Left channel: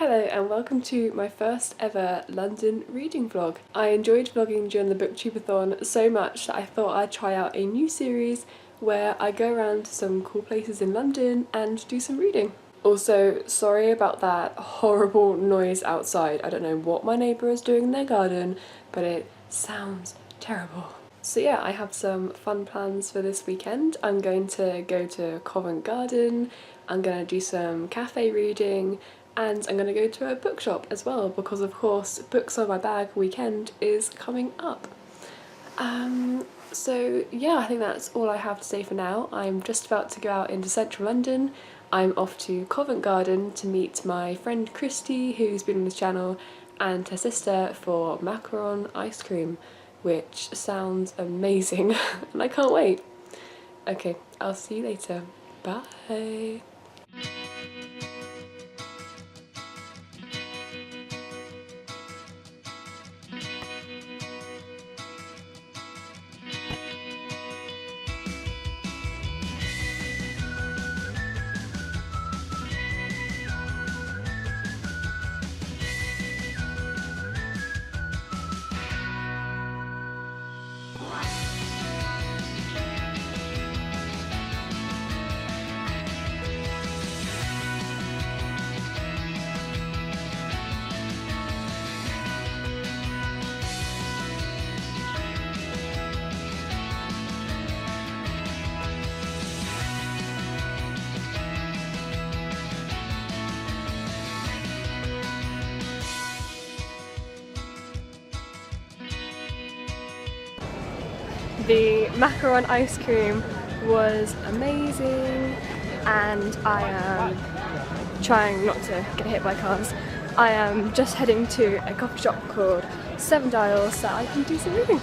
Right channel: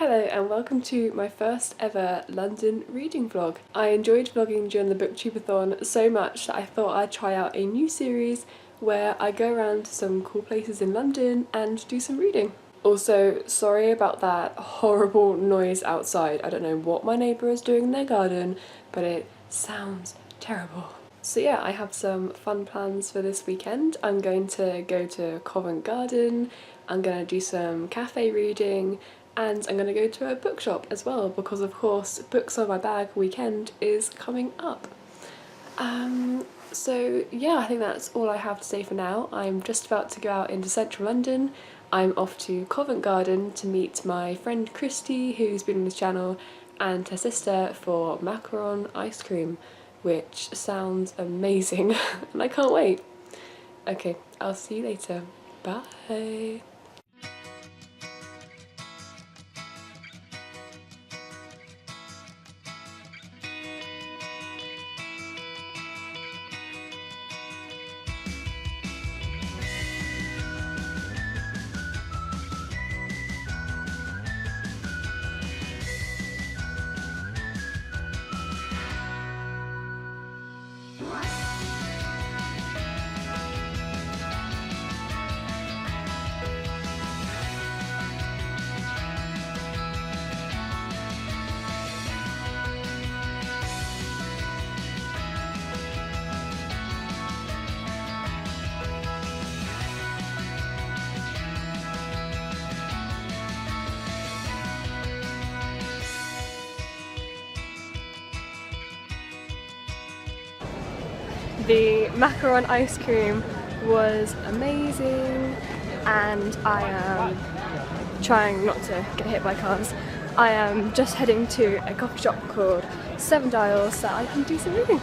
Hello and welcome to my first ever London reading vlog. I enjoyed vlogging during the booktubeathon so much that I thought I'd try out a new series where I go around to some cool places in London and do some reading. Also, sorry about that horrible noise outside. I don't know what my neighbour is doing in their garden, but it sounds terrible. So yeah, I have some fun plans for this weekend. I'm going to go to Covent Garden, I'm going to do some cafe reading, and I'm going to go to a bookshop as well because of course Books on My Bag weekend is coming up. So yeah, I think that's all I have to say for now. I'm just about to go out into central London. I'm off to Covent Garden to meet my friend Christy, who's been on this channel, and her sister for macaron ice cream, which sounds amazing and I can't wait. Okay, I'll see you later. Bye! The macaron ice cream was amazing and I am trying not to get hit by cars. I am just heading to a coffee shop called Seven Dials so I can do some reading.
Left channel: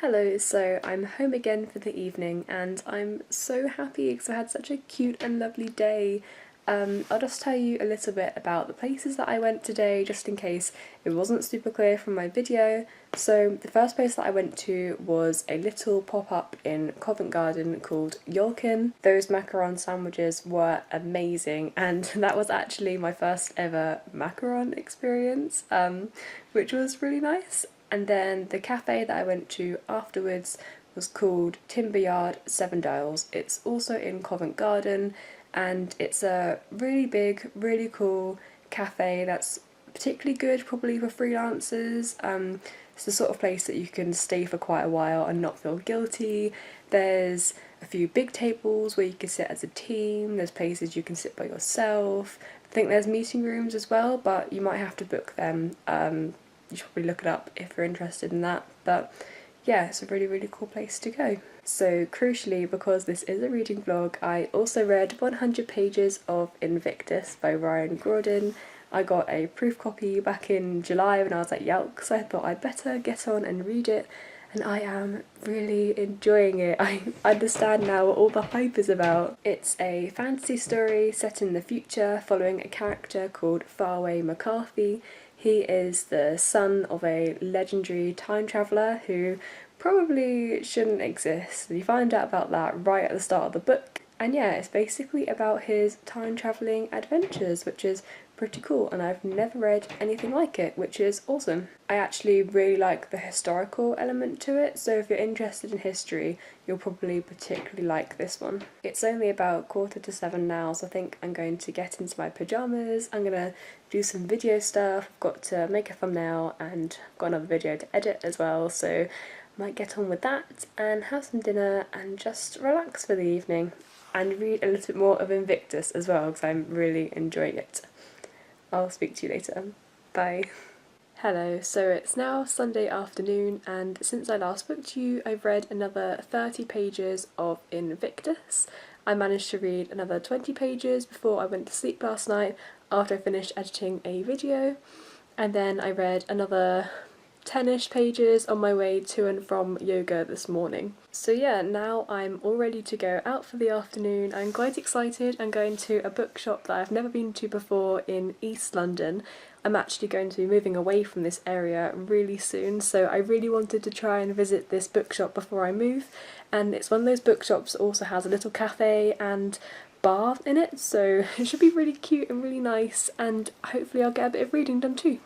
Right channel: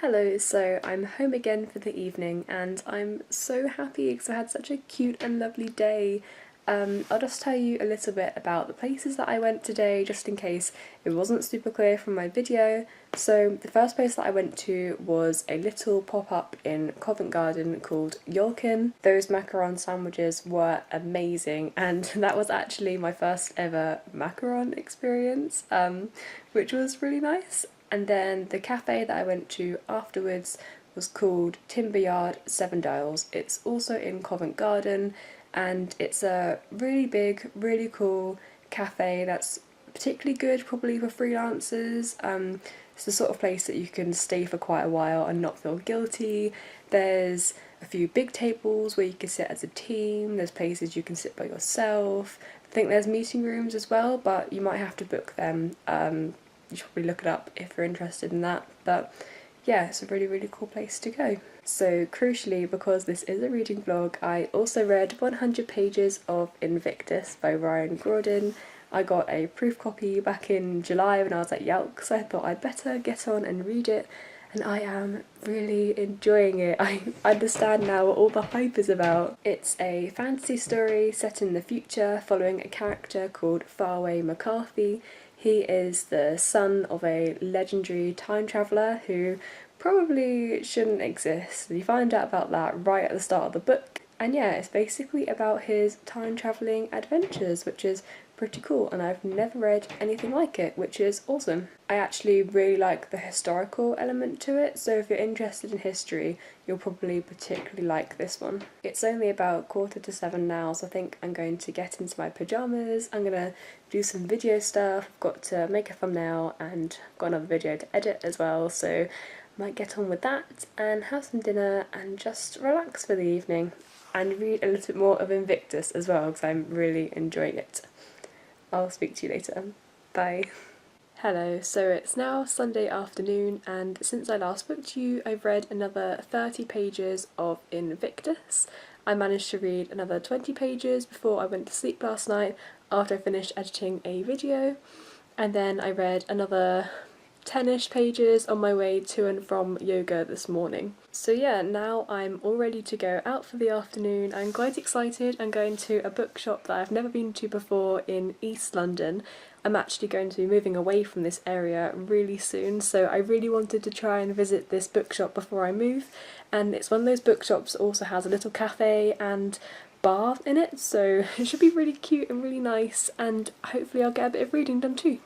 Hello, so I'm home again for the evening and I'm so happy because I had such a cute and lovely day. I'll just tell you a little bit about the places that I went today just in case it wasn't super clear from my video. So the first place that I went to was a little pop-up in Covent Garden called Yolkin. Those macaron sandwiches were amazing and that was actually my first ever macaron experience, which was really nice. And then the cafe that I went to afterwards was called Timber Yard Seven Dials. It's also in Covent Garden and it's a really big, really cool cafe that's particularly good probably for freelancers. It's the sort of place that you can stay for quite a while and not feel guilty. There's a few big tables where you can sit as a team, there's places you can sit by yourself. I think there's meeting rooms as well, but you might have to book them. You should probably look it up if you're interested in that, but yeah, it's a really cool place to go. So crucially, because this is a reading vlog, I also read 100 pages of Invictus by Ryan Gordon. I got a proof copy back in July when I was at Yelk, so I thought I'd better get on and read it, and I am really enjoying it. I understand now what all the hype is about. It's a fantasy story set in the future following a character called Faraway McCarthy. He is the son of a legendary time traveller who probably shouldn't exist. You find out about that right at the start of the book. And yeah, it's basically about his time travelling adventures, which is pretty cool, and I've never read anything like it, which is awesome. I actually really like the historical element to it, so if you're interested in history, you'll probably particularly like this one. It's only about 6:45 now, so I think I'm going to get into my pyjamas. I'm going to do some video stuff. I've got to make a thumbnail and got another video to edit as well, so I might get on with that and have some dinner and just relax for the evening and read a little bit more of Invictus as well because I'm really enjoying it. I'll speak to you later. Bye. Hello, so it's now Sunday afternoon, and since I last spoke to you, I've read another 30 pages of Invictus. I managed to read another 20 pages before I went to sleep last night after I finished editing a video, and then I read another 10-ish pages on my way to and from yoga this morning. So yeah, now I'm all ready to go out for the afternoon. I'm quite excited. I'm going to a bookshop that I've never been to before in East London. I'm actually going to be moving away from this area really soon, so I really wanted to try and visit this bookshop before I move. And it's one of those bookshops that also has a little cafe and bar in it, so it should be really cute and really nice, and hopefully I'll get a bit of reading done too.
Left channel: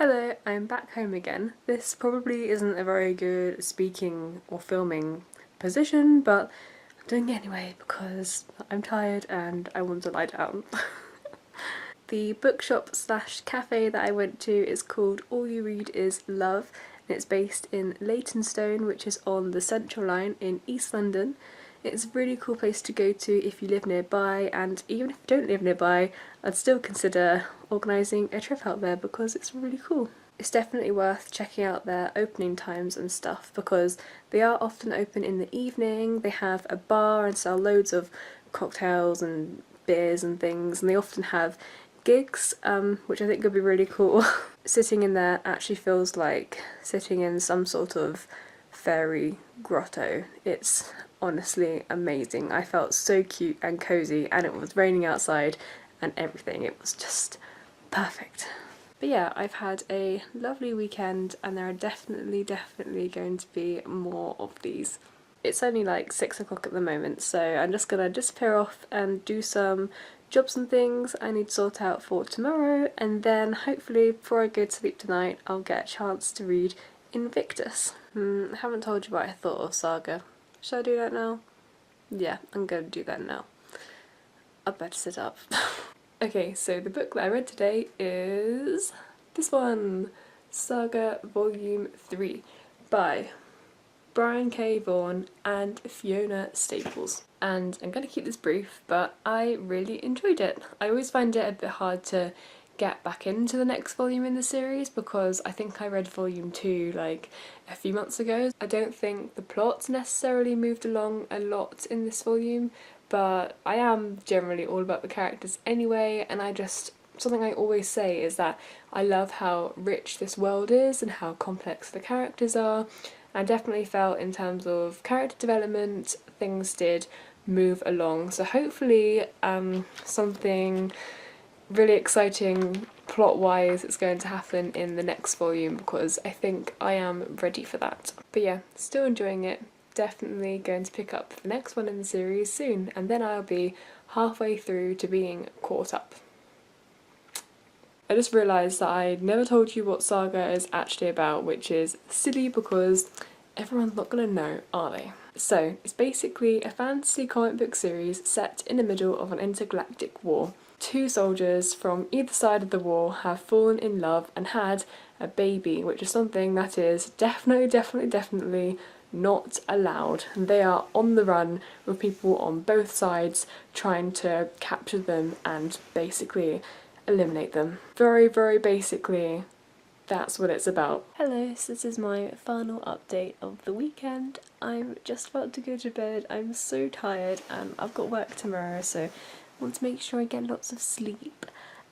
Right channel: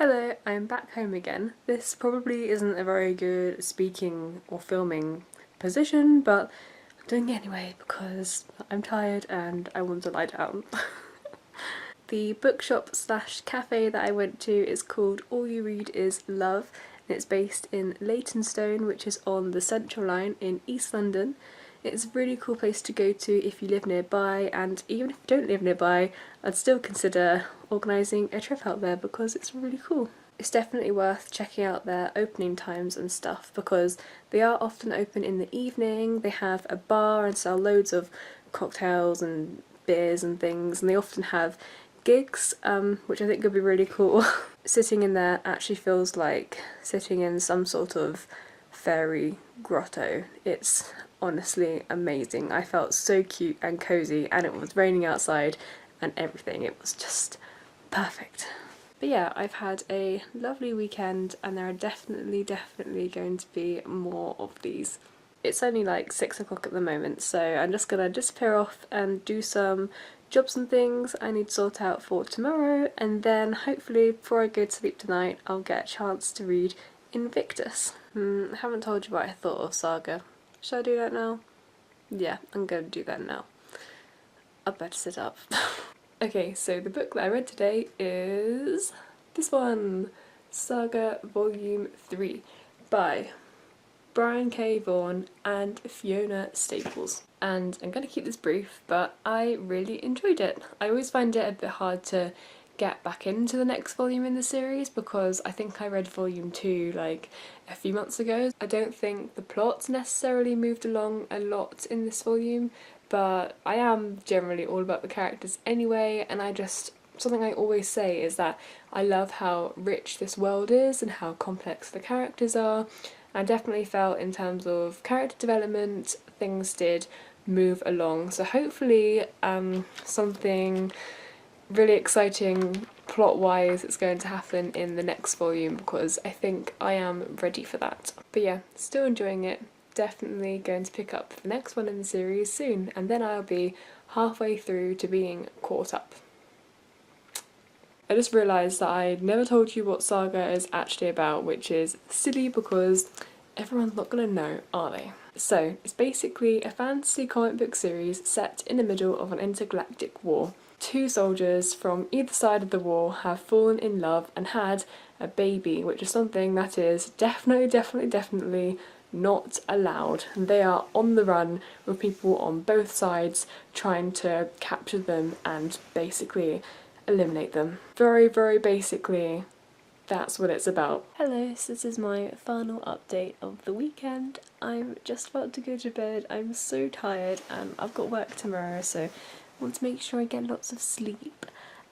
Hello, I'm back home again. This probably isn't a very good speaking or filming position, but I'm doing it anyway because I'm tired and I want to lie down. The bookshop slash cafe that I went to is called All You Read Is Love, and it's based in Leytonstone, which is on the Central Line in East London. It's a really cool place to go to if you live nearby, and even if you don't live nearby, I'd still consider organising a trip out there because it's really cool. It's definitely worth checking out their opening times and stuff because they are often open in the evening. They have a bar and sell loads of cocktails and beers and things, and they often have gigs, which I think could be really cool. Sitting in there actually feels like sitting in some sort of fairy grotto. It's honestly amazing. I felt so cute and cozy, and it was raining outside and everything. It was just perfect. But yeah, I've had a lovely weekend, and there are definitely going to be more of these. It's only like 6 o'clock at the moment, so I'm just gonna disappear off and do some jobs and things I need to sort out for tomorrow, and then hopefully before I go to sleep tonight I'll get a chance to read Invictus. I haven't told you what I thought of Saga. Should I do that now? Yeah, I'm going to do that now. I'd better sit up. Okay, so the book that I read today is this one, Saga Volume 3 by Brian K. Vaughan and Fiona Staples. And I'm going to keep this brief, but I really enjoyed it. I always find it a bit hard to get back into the next volume in the series because I think I read Volume 2 like a few months ago. I don't think the plot necessarily moved along a lot in this volume, but I am generally all about the characters anyway, and something I always say is that I love how rich this world is and how complex the characters are. I definitely felt in terms of character development, things did move along. So hopefully something really exciting plot-wise is going to happen in the next volume because I think I am ready for that. But yeah, still enjoying it. Definitely going to pick up the next one in the series soon, and then I'll be halfway through to being caught up. I just realised that I never told you what Saga is actually about, which is silly because everyone's not going to know, are they? So, it's basically a fantasy comic book series set in the middle of an intergalactic war. 2 soldiers from either side of the war have fallen in love and had a baby, which is something that is definitely not allowed. And they are on the run with people on both sides trying to capture them and basically eliminate them. Very, very basically, that's what it's about. Hello, so this is my final update of the weekend. I'm just about to go to bed. I'm so tired and I've got work tomorrow, so I want to make sure I get lots of sleep.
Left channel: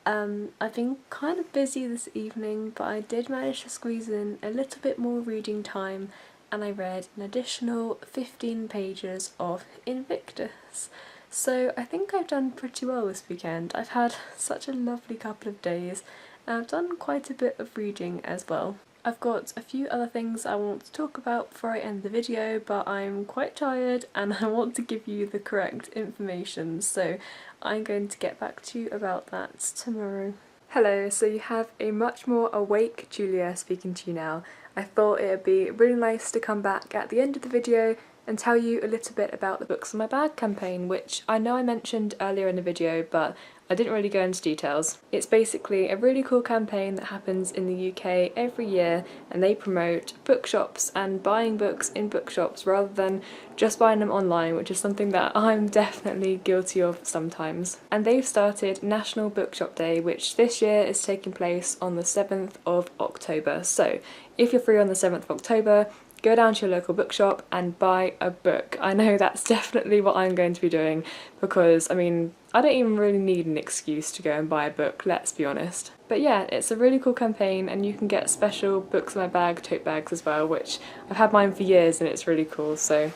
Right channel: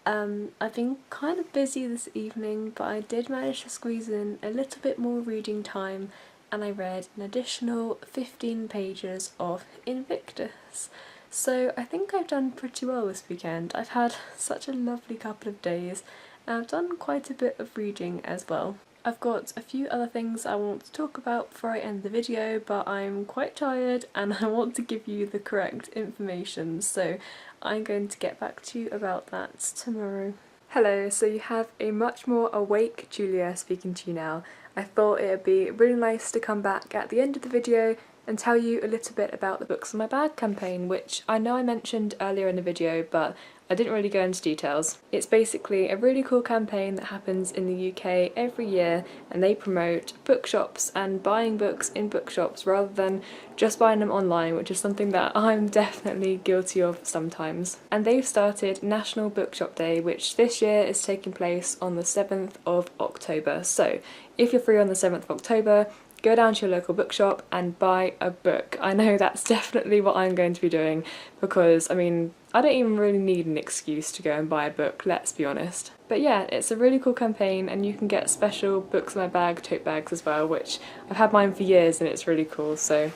I've been kind of busy this evening, but I did manage to squeeze in a little bit more reading time, and I read an additional 15 pages of Invictus. So I think I've done pretty well this weekend. I've had such a lovely couple of days, and I've done quite a bit of reading as well. I've got a few other things I want to talk about before I end the video, but I'm quite tired and I want to give you the correct information, so I'm going to get back to you about that tomorrow. Hello, so you have a much more awake Julia speaking to you now. I thought it would be really nice to come back at the end of the video and tell you a little bit about the Books in My Bag campaign, which I know I mentioned earlier in the video, but I didn't really go into details. It's basically a really cool campaign that happens in the UK every year, and they promote bookshops and buying books in bookshops rather than just buying them online, which is something that I'm definitely guilty of sometimes. And they've started National Bookshop Day, which this year is taking place on the 7th of October. So if you're free on the 7th of October, go down to your local bookshop and buy a book. I know that's definitely what I'm going to be doing because, I mean, I don't even really need an excuse to go and buy a book, let's be honest. But yeah, it's a really cool campaign, and you can get special Books in My Bag tote bags as well, which I've had mine for years and it's really cool, so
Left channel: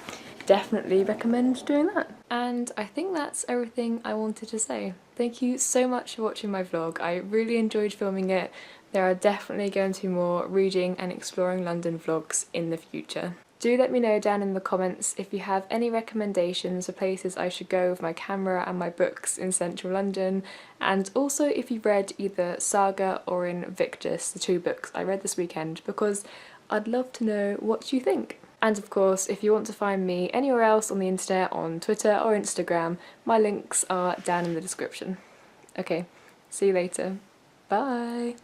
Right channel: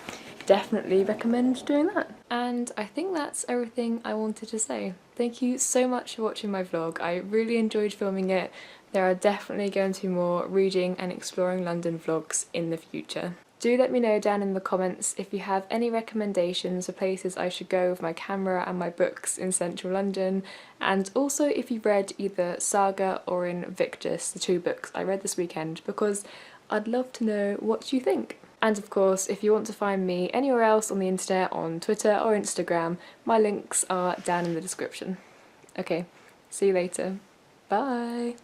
definitely recommend doing that. And I think that's everything I wanted to say. Thank you so much for watching my vlog. I really enjoyed filming it. There are definitely going to be more reading and exploring London vlogs in the future. Do let me know down in the comments if you have any recommendations for places I should go with my camera and my books in central London, and also if you've read either Saga or Invictus, the two books I read this weekend, because I'd love to know what you think. And of course, if you want to find me anywhere else on the internet, on Twitter or Instagram, my links are down in the description. Okay, see you later. Bye!